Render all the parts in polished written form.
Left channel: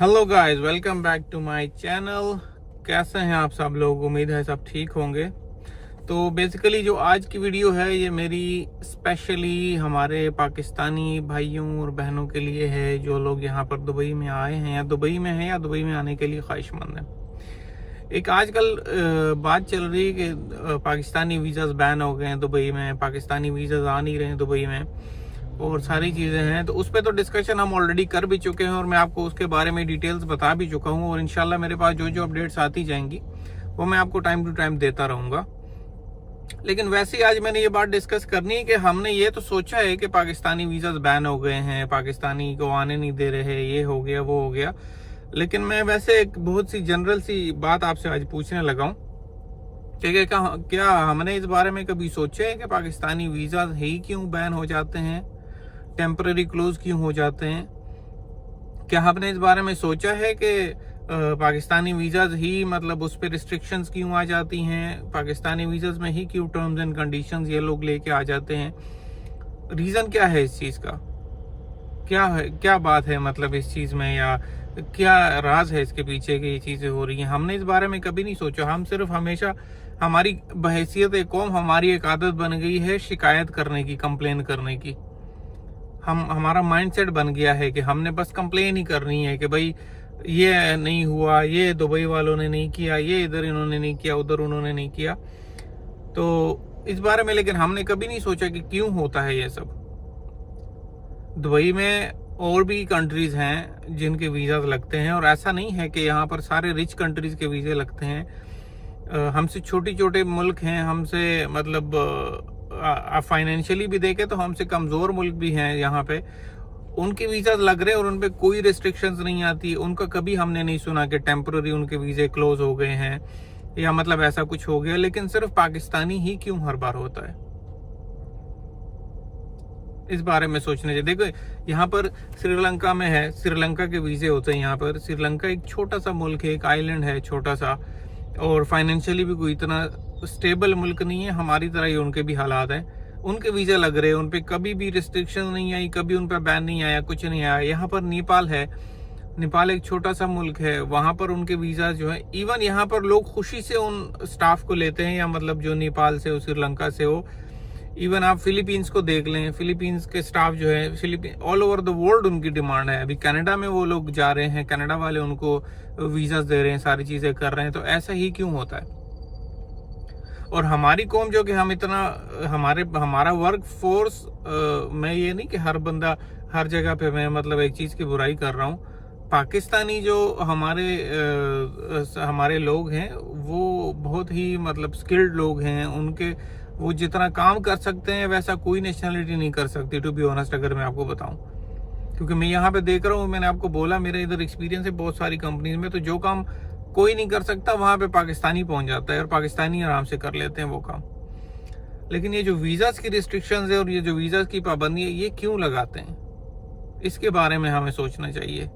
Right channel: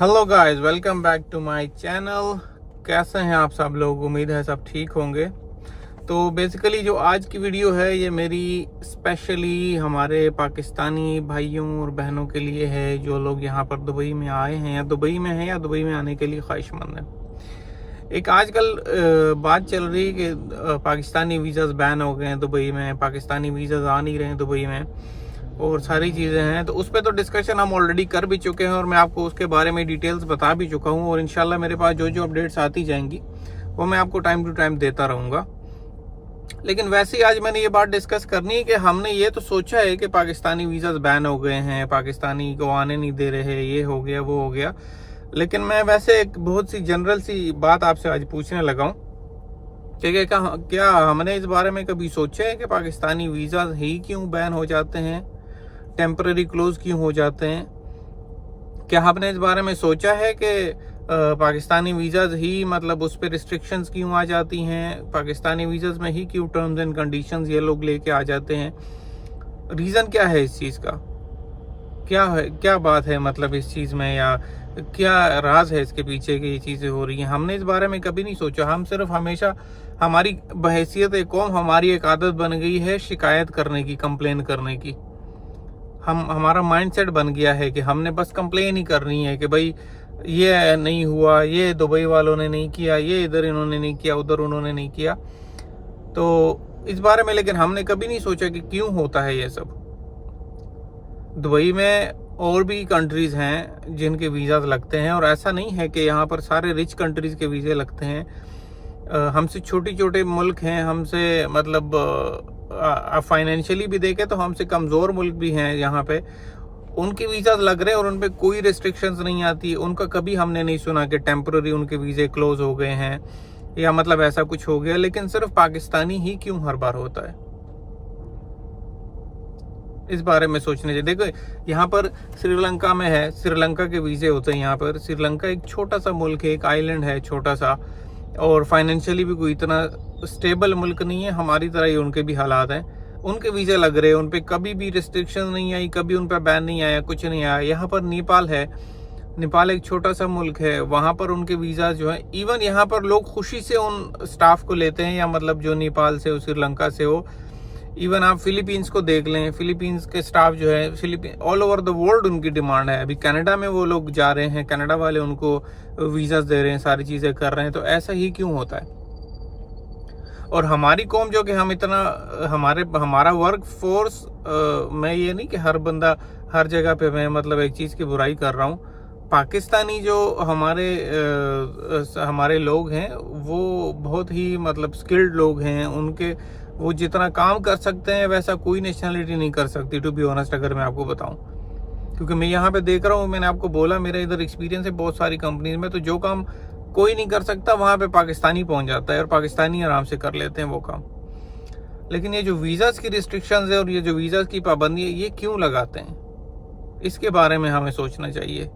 Hello guys, welcome back to my channel. कैसे हैं आप सब लोग? उम्मीद है सब ठीक होंगे। तो बेसिकली जो आज की वीडियो है ये मेरी स्पेशली हमारे पाकिस्तानी भाइयों और बहनों के लिए है जो लोग यहाँ पर दुबई में आए हैं या दुबई में हैं या दुबई में आने के लिए ख्वाहिशमंद हैं। एक आजकल बात चल रही है कि पाकिस्तानी वीज़ाज बैन हो गए हैं दुबई में, पाकिस्तानी वीज़ाज आ नहीं रहे हैं दुबई में और सारी चीज़ें हैं। तो उस पर तो डिस्कशन हम ऑलरेडी कर भी चुके हैं और मैं आपको उसके बारे में डिटेल्स बता भी चुका हूँ और इंशाल्लाह मेरे पास जो जो अपडेट्स आती जाएंगी वो मैं आपको टाइम टू टाइम देता रहूँगा। लेकिन वैसे ही आज मैंने ये बात डिस्कस करनी है कि हमने ये तो सोचा है कि पाकिस्तानी वीज़ाज बैन हो गए हैं, पाकिस्तानी को आने नहीं दे रहे, ये हो गया वो हो गया। लेकिन मैं वैसे एक बहुत सी जनरल सी बात आपसे आज पूछने लगा हूँ कि क्या हमने इस बारे में कभी सोचा है कि पाकिस्तानी वीज़ाज ही क्यों बैन हो जाते हैं, टेम्पररी क्लोज क्यों हो जाते हैं? क्या आपने इस बारे में सोचा है कि पाकिस्तानी वीज़ाज ही मतलब उस पर रिस्ट्रिक्शंस क्यों आ जाती हैं, पाकिस्तानी वीज़ाज में ही क्यों टर्म्स एंड कंडीशंस ये लोग लेके आ जाते हैं? रीज़न क्या है इस चीज़ का? क्या है, क्या बात है मतलब इस चीज़ में, या क्या राज है इसके पीछे कि ये चीज़ें हो रही हैं? हमने इस बारे में कभी नहीं सोचा। हम सिर्फ हमेशा हमारी बहैसियत एक कौम, हमारी एक आदत बन गई है शिकायत करने की, कंप्लेन करने की। हमारा माइंडसेट बन गया है कि हमने बस कंप्लेन ही करनी है कि भाई ये नहीं हुआ, ये दुबई वालों ने नहीं किया, ये इधर इन्होंने नहीं किया, उधर उन्होंने नहीं किया। तो इस बारे में लेकिन हमने कभी नहीं सोचा कि क्यों होता है ये सब। दुबई में और भी कंट्रीज हैं जिनके वीज़ाज लगते हैं और ऐसा नहीं है कि यहाँ पर सारे रिच कंट्रीज के वीज़े लगते हैं। हमसे छोटे छोटे मुल्क हैं, हमसे मतलब फाइनेंशियली भी देखें तो हमसे कमज़ोर मुल्क भी हैं यहाँ पे, उनके वीज़ाज लग रहे हैं और उन पे कोई रिस्ट्रिक्शंस नहीं आती। उनका कभी हमने नहीं सुना कि टेम्पररी उनके वीज़े क्लोज हो गए हैं या मतलब ऐसा कुछ हो गया। लेकिन सिर्फ पाकिस्तानी ही क्यों हर बार होता है, इस बारे में सोचने चाहिए। देखो यहाँ पर श्रीलंका में है, श्रीलंका के वीज़े होते हैं यहाँ पर। श्रीलंका एक छोटा सा मुल्क है, एक आइलैंड है छोटा सा, और फाइनेंशियली भी कोई इतना स्टेबल मुल्क नहीं है। हमारी तरह ही उनके भी हालात हैं। उनके वीज़े लग रहे हैं, उन पर कभी भी रिस्ट्रिक्शन नहीं आई, कभी उन पर बैन नहीं आया, कुछ नहीं आया। यहाँ पर नेपाल है, नेपाल एक छोटा सा मुल्क है, वहाँ पर उनके वीज़ा जो है, इवन यहाँ पर लोग खुशी से उन स्टाफ को लेते हैं, या मतलब जो नेपाल से हो, श्रीलंका से हो। इवन आप फिलीपींस को देख लें, फिलीपींस के स्टाफ जो है, Philippine all over the world उनकी डिमांड है। अभी कनाडा में वो लोग जा रहे हैं, कनाडा वाले उनको वीज़ा दे रहे हैं, सारी चीज़ें कर रहे हैं। तो ऐसा ही क्यों होता है? और हमारी कौम जो कि हम इतना हमारा वर्क फोर्स, मैं ये नहीं कि हर बंदा हर जगह पे, मैं मतलब एक चीज़ की बुराई कर रहा हूँ। पाकिस्तानी जो हमारे लोग हैं वो बहुत ही मतलब स्किल्ड लोग हैं। उनके वो जितना काम कर सकते हैं वैसा कोई नेशनलिटी नहीं कर सकती, टू बी ऑनेस्ट, अगर मैं आपको बताऊं। क्योंकि मैं यहाँ पे देख रहा हूँ, मैंने आपको बोला मेरा इधर एक्सपीरियंस है बहुत सारी कंपनीज में, तो जो काम कोई नहीं कर सकता वहाँ पे पाकिस्तानी पहुँच जाता है और पाकिस्तानी आराम से कर लेते हैं वो काम। लेकिन ये जो वीज़ाज की रिस्ट्रिक्शंस है और ये जो वीज़ाज की पाबंदी है, ये क्यों लगाते हैं, इसके बारे में हमें सोचना चाहिए।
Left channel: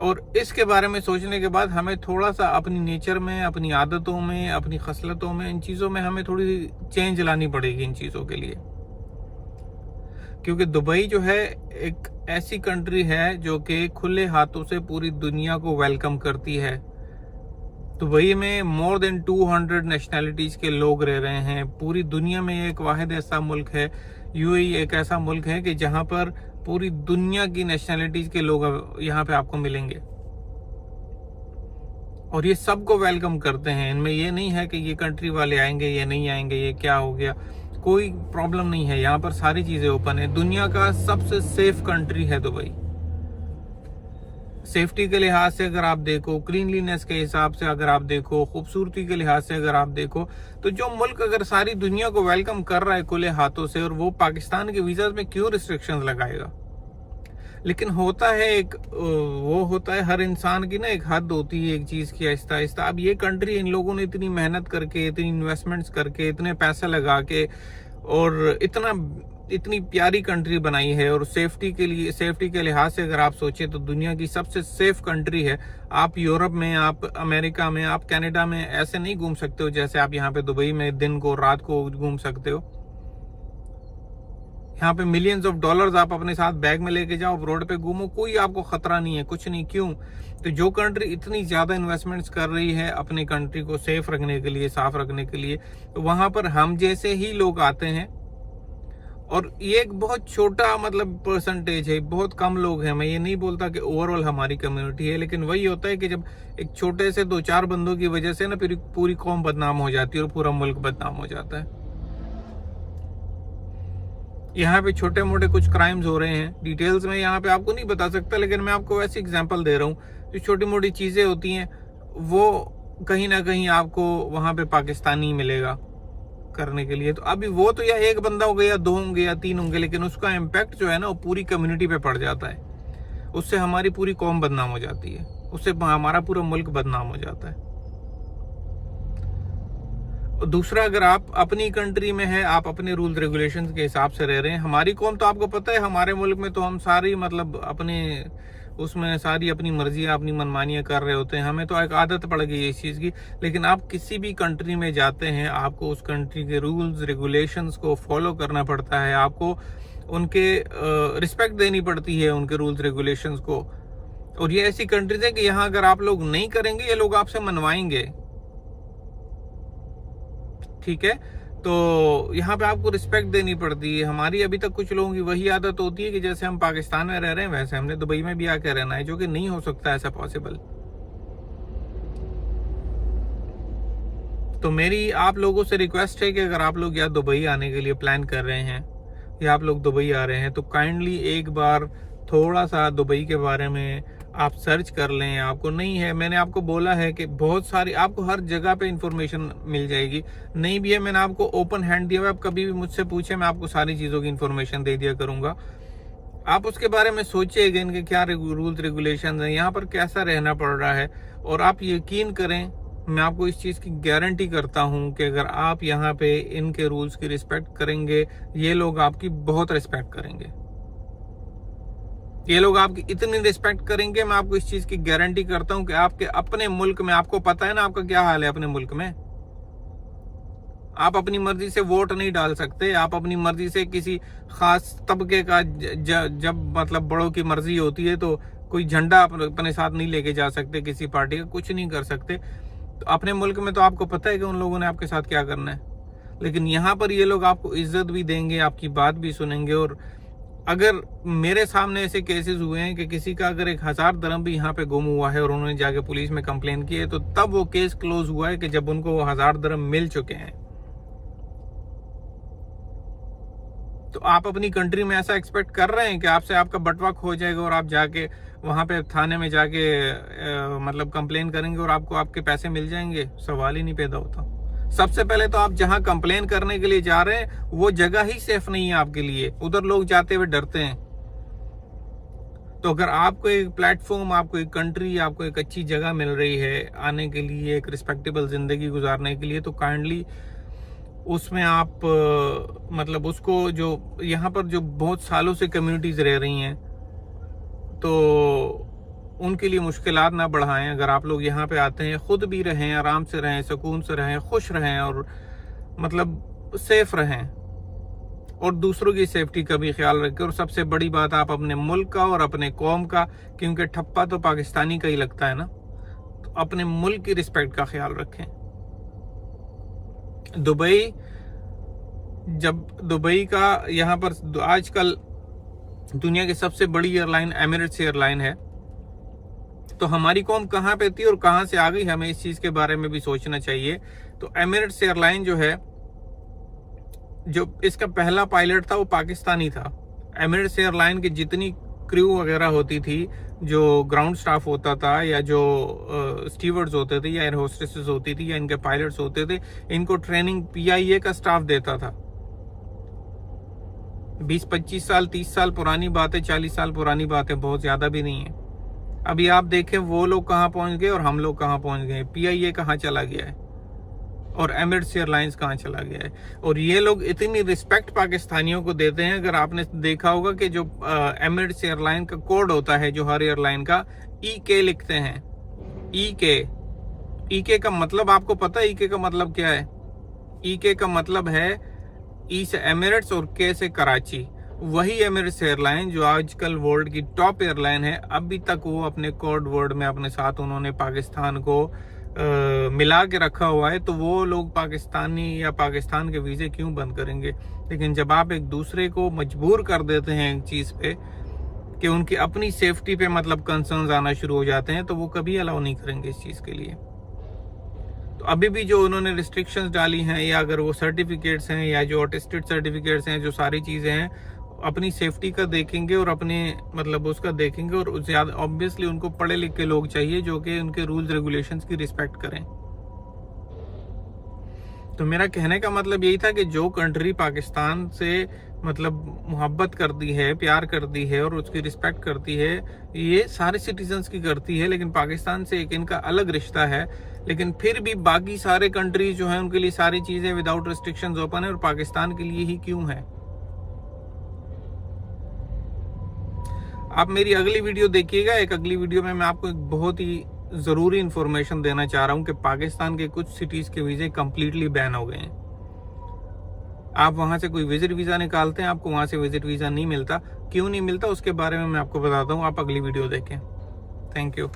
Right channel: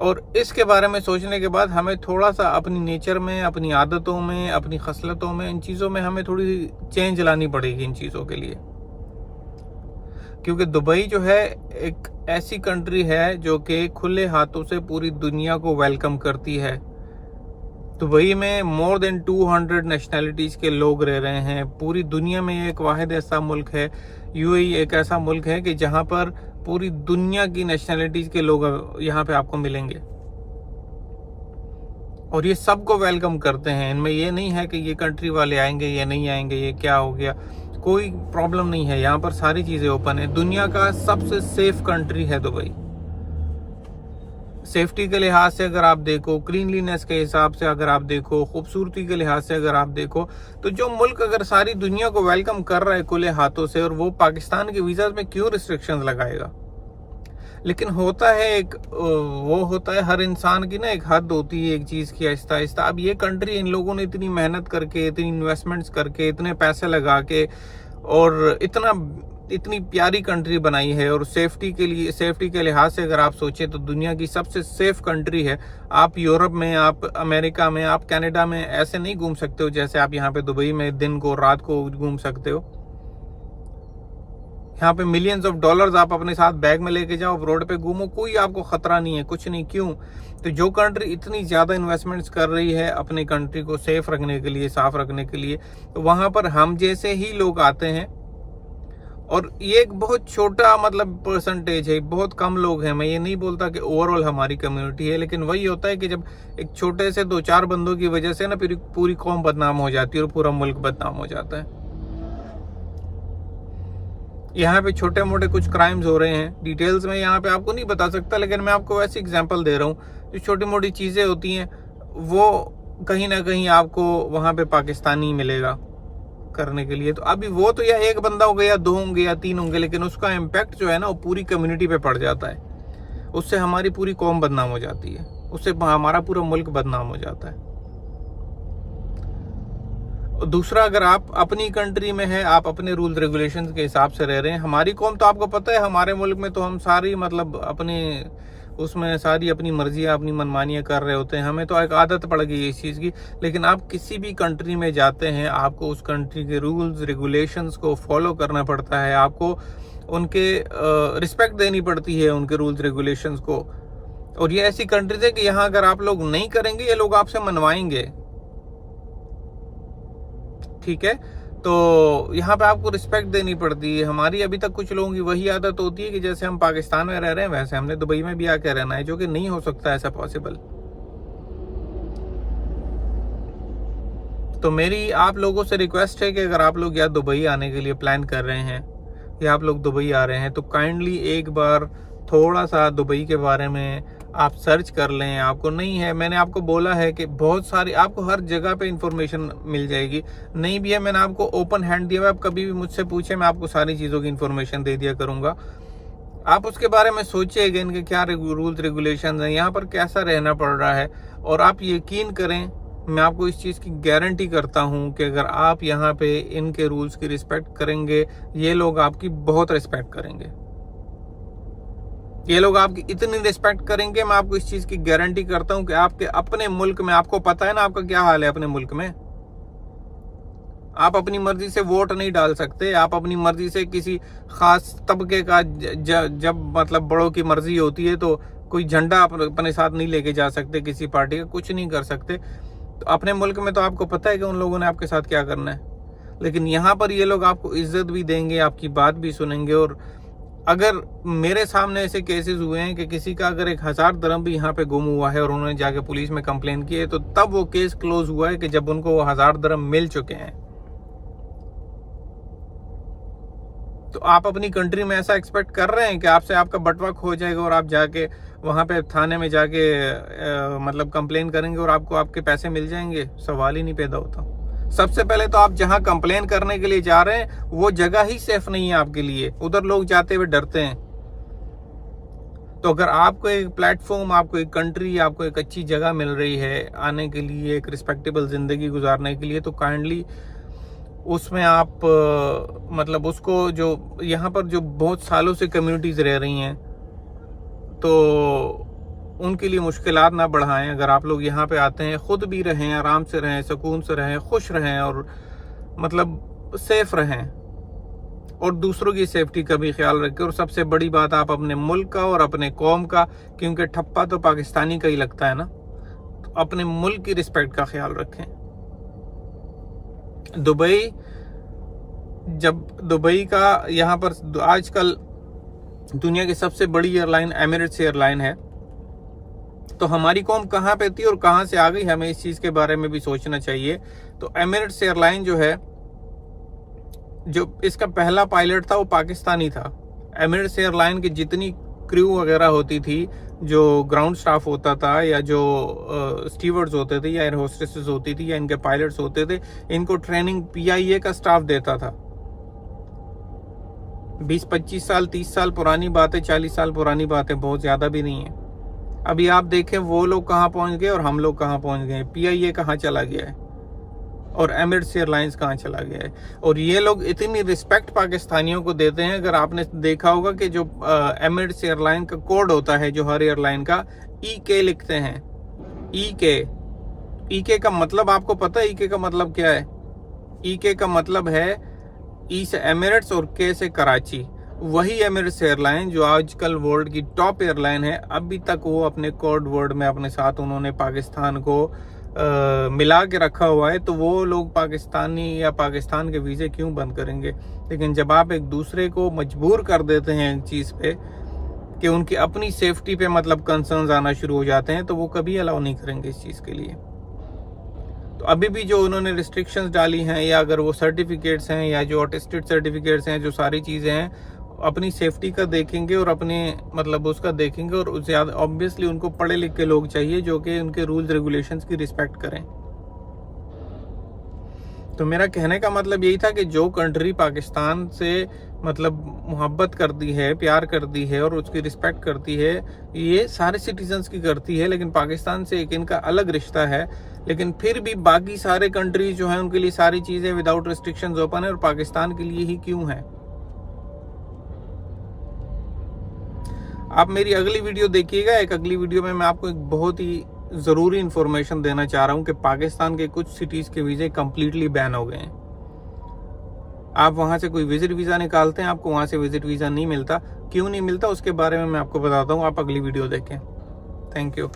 और इसके बारे में सोचने के बाद हमें थोड़ा सा अपनी नेचर में, अपनी आदतों में, अपनी खसलतों में, इन चीज़ों में हमें थोड़ी चेंज लानी पड़ेगी इन चीज़ों के लिए। क्योंकि दुबई जो है एक ऐसी कंट्री है जो कि खुले हाथों से पूरी दुनिया को वेलकम करती है। दुबई में मोर देन 200 नेशनैलिटीज़ के लोग रह रहे हैं। पूरी दुनिया में एक वाहिद ऐसा मुल्क है, यूएई एक ऐसा मुल्क है कि जहाँ पर पूरी दुनिया की नेशनैलिटीज़ के लोग यहाँ पे आपको मिलेंगे और ये सबको वेलकम करते हैं। इनमें ये नहीं है कि ये कंट्री वाले आएंगे, ये नहीं आएंगे, ये क्या हो गया, कोई प्रॉब्लम नहीं है। यहाँ पर सारी चीज़ें ओपन है। दुनिया का सबसे सेफ कंट्री है दुबई। सेफ्टी के लिहाज से अगर आप देखो, क्लीनलीनेस के हिसाब से अगर आप देखो, खूबसूरती के लिहाज से अगर आप देखो, तो जो मुल्क अगर सारी दुनिया को वेलकम कर रहा है खुले हाथों से, और वो पाकिस्तान के वीज़ा में क्यों रिस्ट्रिक्शंस लगाएगा? लेकिन होता है एक वो होता है हर इंसान की ना एक हद होती है एक चीज़ की, आहिस्ता आहिस्ता। अब ये कंट्री इन लोगों ने इतनी मेहनत करके, इतनी इन्वेस्टमेंट्स करके, इतने पैसे लगा के और इतनी प्यारी कंट्री बनाई है, और सेफ्टी के लिहाज से अगर आप सोचें तो दुनिया की सबसे सेफ कंट्री है। आप यूरोप में, आप अमेरिका में, आप कनाडा में ऐसे नहीं घूम सकते हो जैसे आप यहाँ पे दुबई में दिन को रात को घूम सकते हो। यहाँ पे मिलियंस ऑफ डॉलर्स आप अपने साथ बैग में लेके जाओ, रोड पे घूमो, कोई आपको खतरा नहीं है, कुछ नहीं। क्यों? तो जो कंट्री इतनी ज्यादा इन्वेस्टमेंट्स कर रही है अपने कंट्री को सेफ रखने के लिए, साफ रखने के लिए, तो वहां पर हम जैसे ही लोग आते हैं। और ये एक बहुत छोटा मतलब परसेंटेज है, बहुत कम लोग हैं। मैं ये नहीं बोलता कि ओवरऑल हमारी कम्युनिटी है, लेकिन वही होता है कि जब एक छोटे से 2-4 बंदों की वजह से ना फिर पूरी कौम बदनाम हो जाती है और पूरा मुल्क बदनाम हो जाता है। यहाँ पे छोटे मोटे कुछ क्राइम्स हो रहे हैं, डिटेल्स में यहाँ पे आपको नहीं बता सकता, लेकिन मैं आपको वैसे एग्जांपल दे रहा हूँ। जो छोटी मोटी चीजें होती हैं वो कहीं ना कहीं आपको वहां पे पाकिस्तानी मिलेगा करने के लिए। तो अभी वो तो या एक बंदा हो गया, 2 होंगे या 3 होंगे, लेकिन उसका इम्पैक्ट जो है ना वो पूरी कम्युनिटी पे पड़ जाता है। उससे हमारी पूरी कौम बदनाम हो जाती है, उससे हमारा पूरा मुल्क बदनाम हो जाता है। दूसरा, अगर आप अपनी कंट्री में है, आप अपने रूल्स रेगुलेशंस के हिसाब से रह रहे हैं। हमारी कौम तो आपको पता है, हमारे मुल्क में तो हम सारी मतलब अपने उसमें सारी अपनी मर्जियां, अपनी मनमानियां कर रहे होते हैं। हमें तो एक आदत पड़ गई है इस चीज़ की। लेकिन आप किसी भी कंट्री में जाते हैं, आपको उस कंट्री के रूल्स रेगुलेशंस को फॉलो करना पड़ता है, आपको उनके रिस्पेक्ट देनी पड़ती है, उनके रूल्स रेगुलेशंस को। और ये ऐसी कंट्रीज है कि यहाँ अगर आप लोग नहीं करेंगे, ये लोग आपसे मनवाएंगे, ठीक है। तो यहाँ पे आपको रिस्पेक्ट देनी पड़ती है। हमारी अभी तक कुछ लोगों की वही आदत होती है कि जैसे हम पाकिस्तान में रह रहे हैं वैसे हमने दुबई में भी आके रहना है, जो कि नहीं हो सकता ऐसा पॉसिबल। तो मेरी आप लोगों से रिक्वेस्ट है कि अगर आप लोग या दुबई आने के लिए प्लान कर रहे हैं या आप लोग दुबई आ रहे हैं, तो काइंडली एक बार थोड़ा सा दुबई के बारे में आप सर्च कर लें। आपको नहीं है, मैंने आपको बोला है कि बहुत सारी आपको हर जगह पे इंफॉर्मेशन मिल जाएगी। नहीं भी है, मैंने आपको ओपन हैंड दिया हुआ, आप कभी भी मुझसे पूछे, मैं आपको सारी चीज़ों की इंफॉर्मेशन दे दिया करूंगा। आप उसके बारे में सोचिएगा, इनके क्या रूल्स रेगुलेशन हैं, यहाँ पर कैसा रहना पड़ रहा है। और आप यकीन करें, मैं आपको इस चीज़ की गारंटी करता हूँ कि अगर आप यहाँ पे इनके रूल्स की रिस्पेक्ट करेंगे, ये लोग आपकी बहुत रिस्पेक्ट करेंगे। ये लोग आपकी इतनी रिस्पेक्ट करेंगे, मैं आपको इस चीज की गारंटी करता हूं कि आपके अपने मुल्क में, आपको पता है ना आपका क्या हाल है अपने मुल्क में। आप अपनी मर्जी से वोट नहीं डाल सकते, आप अपनी मर्जी से किसी खास तबके का जब मतलब बड़ों की मर्जी होती है तो कोई झंडा अपने साथ नहीं लेके जा सकते, किसी पार्टी का कुछ नहीं कर सकते। तो अपने मुल्क में तो आपको पता है कि उन लोगों ने आपके साथ क्या करना है। लेकिन यहाँ पर ये लोग आपको इज्जत भी देंगे, आपकी बात भी सुनेंगे। और अगर मेरे सामने ऐसे केसेस हुए हैं कि किसी का अगर 1000 दिरहम भी यहाँ पे गुम हुआ है और उन्होंने जाके पुलिस में कंप्लेन की है, तो तब वो केस क्लोज हुआ है कि जब उनको वो 1000 दिरहम मिल चुके हैं। तो आप अपनी कंट्री में ऐसा एक्सपेक्ट कर रहे हैं कि आपसे आपका बटवा खो जाएगा और आप जाके वहां पे थाने में जाके मतलब कंप्लेन करेंगे और आपको आपके पैसे मिल जाएंगे? सवाल ही नहीं पैदा होता। सबसे पहले तो आप जहां कंप्लेन करने के लिए जा रहे हैं वो जगह ही सेफ नहीं है आपके लिए, उधर लोग जाते हुए डरते हैं। तो अगर आपको एक प्लेटफॉर्म, आपको एक कंट्री, आपको एक अच्छी जगह मिल रही है आने के लिए, एक रिस्पेक्टेबल जिंदगी गुजारने के लिए, तो काइंडली उसमें आप मतलब उसको, जो यहाँ पर जो बहुत सालों से कम्युनिटीज रह रही हैं, तो उनके लिए मुश्किलात ना बढ़ाएं। अगर आप लोग यहाँ पे आते हैं, खुद भी रहें, आराम से रहें, सुकून से रहें, खुश रहें और मतलब सेफ रहें और दूसरों की सेफ्टी का भी ख्याल रखें। और सबसे बड़ी बात, आप अपने मुल्क का और अपने कौम का, क्योंकि ठप्पा तो पाकिस्तानी का ही लगता है ना, तो अपने मुल्क की रिस्पेक्ट का ख्याल रखें। दुबई का यहाँ पर आजकल दुनिया की सबसे बड़ी एयरलाइन एमिरेट्स एयरलाइन है। तो हमारी कौम कहाँ पे थी और कहाँ से आ गई, हमें इस चीज के बारे में भी सोचना चाहिए। तो एमिरेट्स एयरलाइन जो है, जो इसका पहला पायलट था वो पाकिस्तानी था। एमिरेट्स एयरलाइन की जितनी क्रू वगैरह होती थी, जो ग्राउंड स्टाफ होता था या जो स्टीवर्ड्स होते थे या एयर होस्टेसेस होती थी या इनके पायलट्स होते थे, इनको ट्रेनिंग PIA का स्टाफ देता था। 20-25 साल 30 साल पुरानी बात है, 40 साल पुरानी बात है, बहुत ज्यादा भी नहीं है। अभी आप देखें वो लोग कहाँ पहुंच गए और हम लोग कहाँ पहुंच गए। PIA कहाँ चला गया है और एमिरेट्स एयरलाइंस कहाँ चला गया है। और ये लोग इतनी रिस्पेक्ट पाकिस्तानियों को देते हैं। अगर आपने देखा होगा कि जो एमिरेट्स एयरलाइन का कोड होता है, जो हर एयरलाइन का EK लिखते हैं। EK का मतलब आपको पता है EK का मतलब क्या है? EK का मतलब है E से एमिरेट्स और K से कराची। वही एमिरेट्स एयरलाइन जो आजकल वर्ल्ड की टॉप एयरलाइन है, अभी तक वो अपने कोड वर्ड में अपने साथ उन्होंने पाकिस्तान को मिला के रखा हुआ है। तो वो लोग पाकिस्तानी या पाकिस्तान के वीज़े क्यों बंद करेंगे? लेकिन जब आप एक दूसरे को मजबूर कर देते हैं एक चीज़ पे कि उनकी अपनी सेफ्टी पे मतलब कंसर्न्स आना शुरू हो जाते हैं, तो वो कभी अलाउ नहीं करेंगे इस चीज़ के लिए। तो अभी भी जो उन्होंने रिस्ट्रिक्शंस डाली हैं, या अगर वो सर्टिफिकेट्स हैं या जो अटेस्टेड सर्टिफिकेट्स हैं, जो सारी चीज़ें हैं, अपनी सेफ्टी का देखेंगे और अपने मतलब उसका देखेंगे। और ज़्यादा ऑब्वियसली उनको पढ़े लिखे लोग चाहिए जो कि उनके रूल्स रेगुलेशंस की रिस्पेक्ट करें। तो मेरा कहने का मतलब यही था कि जो कंट्री पाकिस्तान से मतलब मोहब्बत करती है, प्यार करती है और उसकी रिस्पेक्ट करती है, ये सारे सिटीजन्स की करती है, लेकिन पाकिस्तान से एक इनका अलग रिश्ता है। लेकिन फिर भी बाकी सारे कंट्रीज जो हैं उनके लिए सारी चीज़ें विदाउट रिस्ट्रिक्शंस ओपन है, और पाकिस्तान के लिए ही क्यों है? आप मेरी अगली वीडियो देखिएगा। एक अगली वीडियो में मैं आपको एक बहुत ही ज़रूरी इंफॉर्मेशन देना चाह रहा हूँ कि पाकिस्तान के कुछ सिटीज़ के वीज़े कम्प्लीटली बैन हो गए हैं। आप वहाँ से कोई विजिट वीज़ा निकालते हैं, आपको वहाँ से विजिट वीज़ा नहीं मिलता। क्यों नहीं मिलता उसके बारे में मैं आपको बताता हूँ, आप अगली वीडियो देखें। Thank you.